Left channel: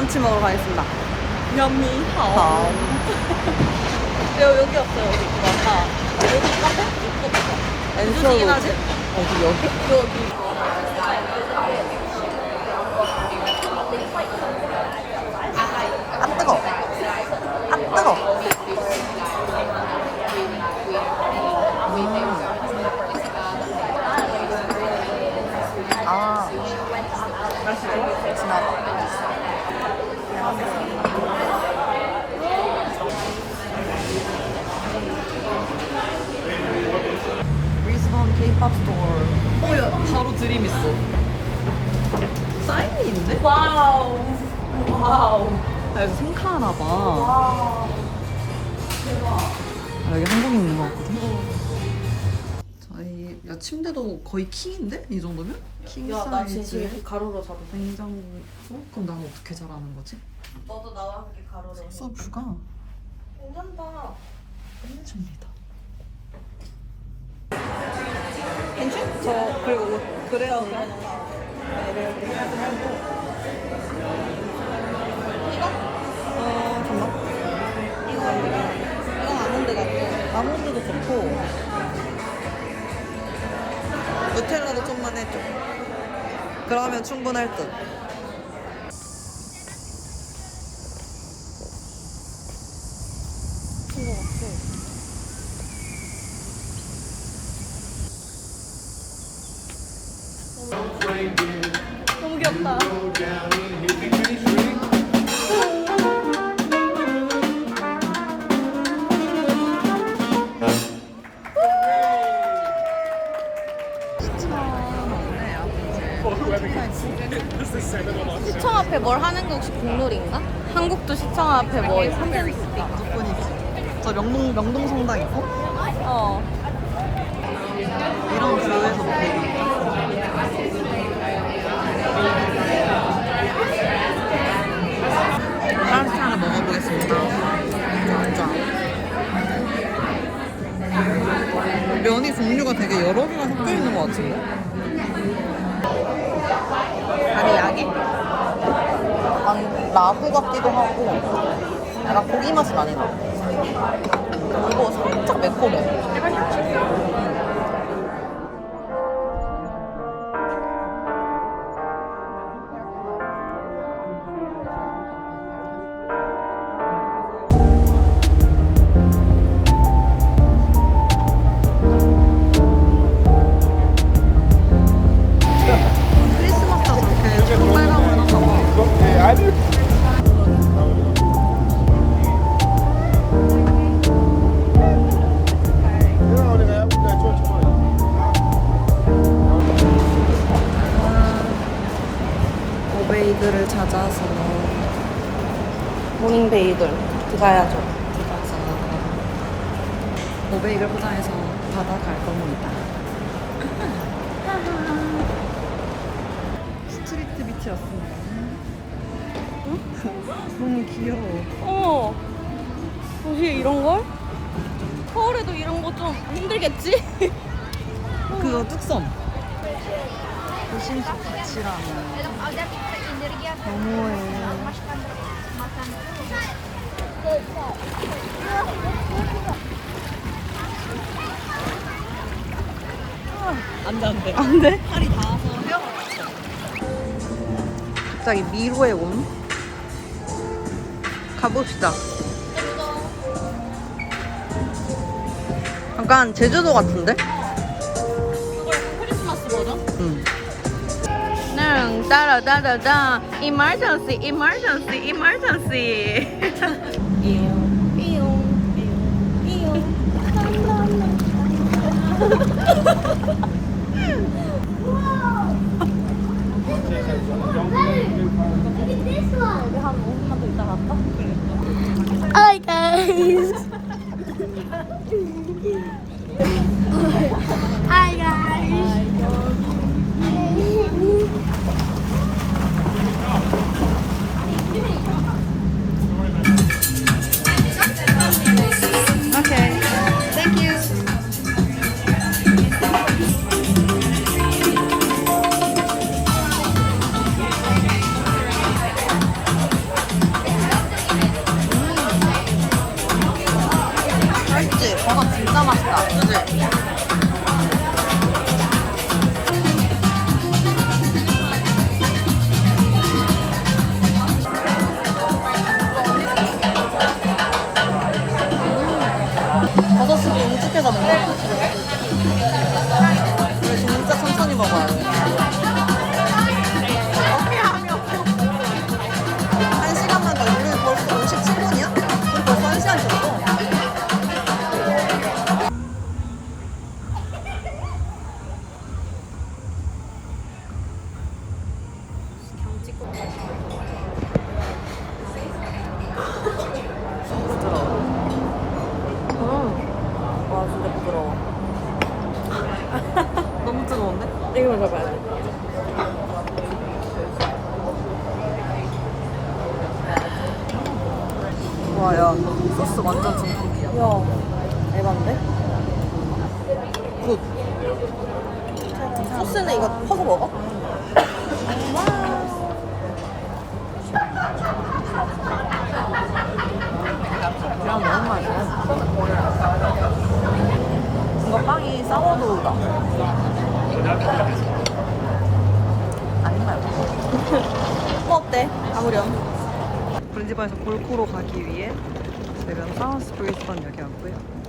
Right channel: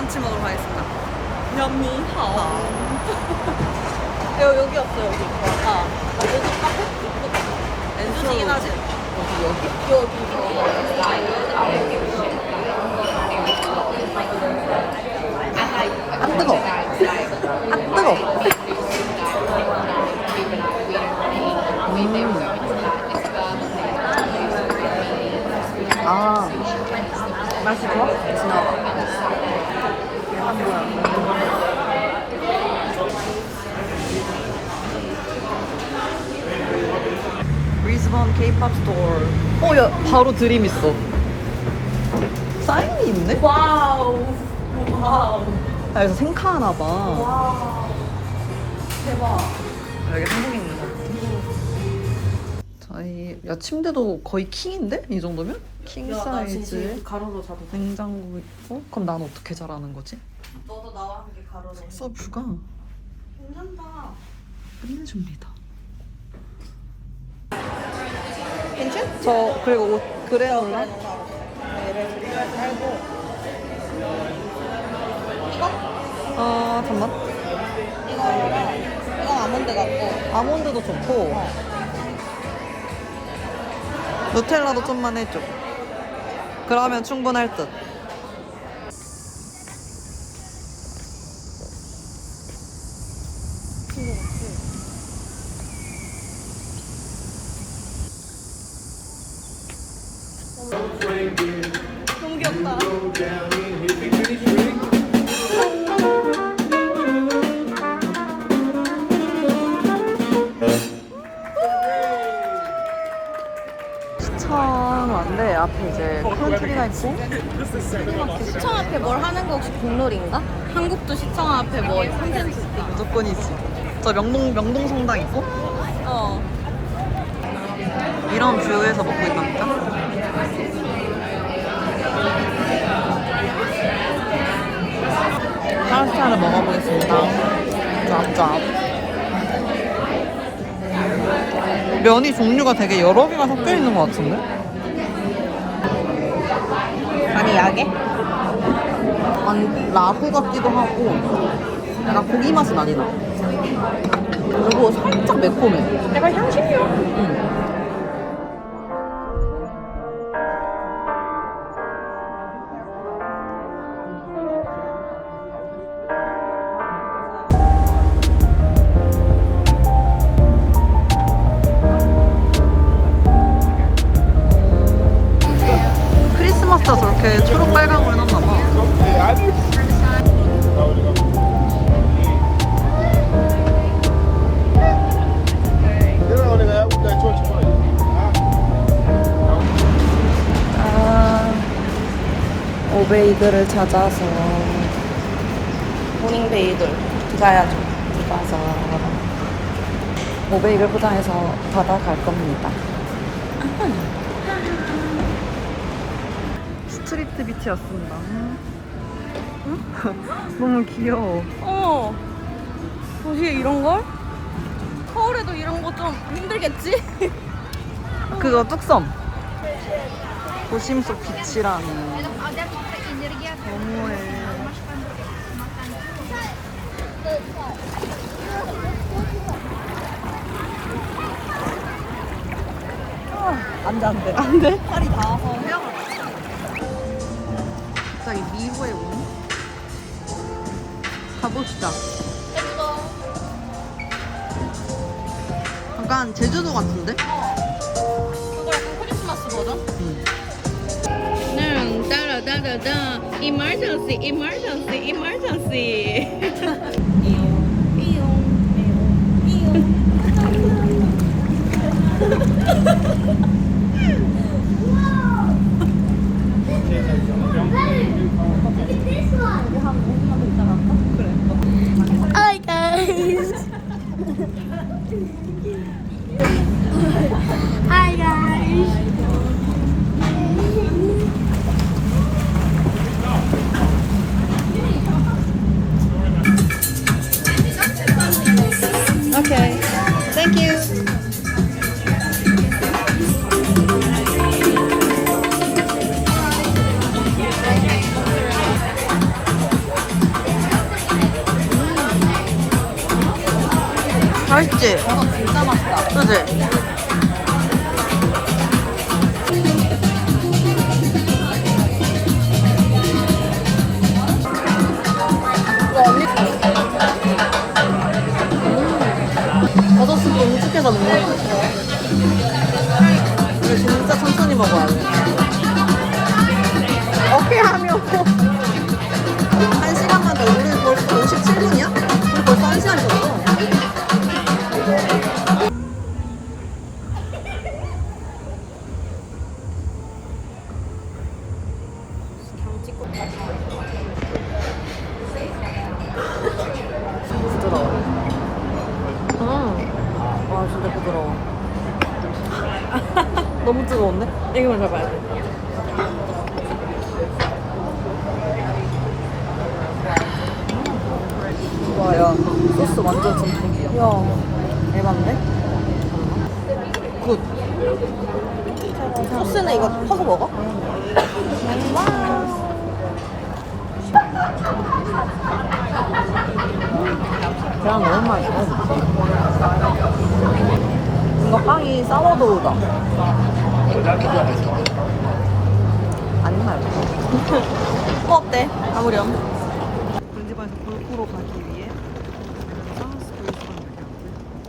브런치 먹으러 가겠습니다. 냠니하오. 여기 여기 없어 여기 아까 여기 카페? 여기 카페. 엔소긴 하지? 어디 여기? 여기. 아 뜨거. 아 뜨거. 음. 아. 지나가. 브리스번 케이팝 스토어. 어, 야, 바로 드림 있어. 사인이 있네? 와우. 와우. 아, 여기서 생카하나 봐. 와. 대박. 아, 여기 한국 있는 거거든. 저희 야 침대도 거의 킹인데 이 정도면? 킹 야, 나 진짜 사이즈 이렇게 가로로 잡은. 냉장고 있고 그럼 난 어떻게 자라는 거지? 너도 나와 함께 가로로. 서뷰가 괜찮다. 끝내줍니다. 괜찮? 저 그리고 그래요. 아 잠만. 이거 아몬드 같고. 아몬드도 좋고 누텔라도 좀만 해줘. 그러면 충분할 듯. 너무 귀엽다. 시청 안돼 앞에 이제 콜트리가 있고 시청 앞에 뭘 하는 게 혹시 국룰인가? 한국도 시청 앞에 뭘 하는 게 있어. 무조건 이지. 저 명동 명동 성당 있고 어. 이런 뷰에서 먹고 있다니까. 파스타를 먹어보겠습니다. 쫙쫙. 면이 종류가 되게 여러 개가 섞여 있는 것 같은데. 아니 야게? 아니 라구 같기도 하고 약간 고기 맛이 많이 나. 그리고 살짝 매콤해. 약간 향신료. 응. 오베이글을 찾아서 모닝베이들. 들어가야죠. 들어가서 오베이글 포장해서 받아갈 겁니다. 스트리트 비치였습니다. 너무 귀여워. 어머. 도시에 이런 걸? 서울에도 이런 거 좀 힘들겠지? 그거 뚝섬. 도심 속 빛이라니. 너무해. 안 돼 안 돼 안 돼. 팔이 닿아서 헤어가. 갑자기 미로에 온? 가봅시다. 약간 제주도 같은데? 그거 크리스마스 버전? 응. da emergency emergency emergency Hi guys. Hi guys. 부드러워. 너무 뜨거운데? 이거 먹어봐. 와, 야, 소스 완전 전복이야. 소스는 이거 퍼서 먹어? 계란 너무 맛있어. 이거 빵이 사워도우다. 아닌 말고. 어, 어때? 겨울이야. 골지바에서 골프로 가기 위해 지금 사우스 브리스번 여기 왔고요.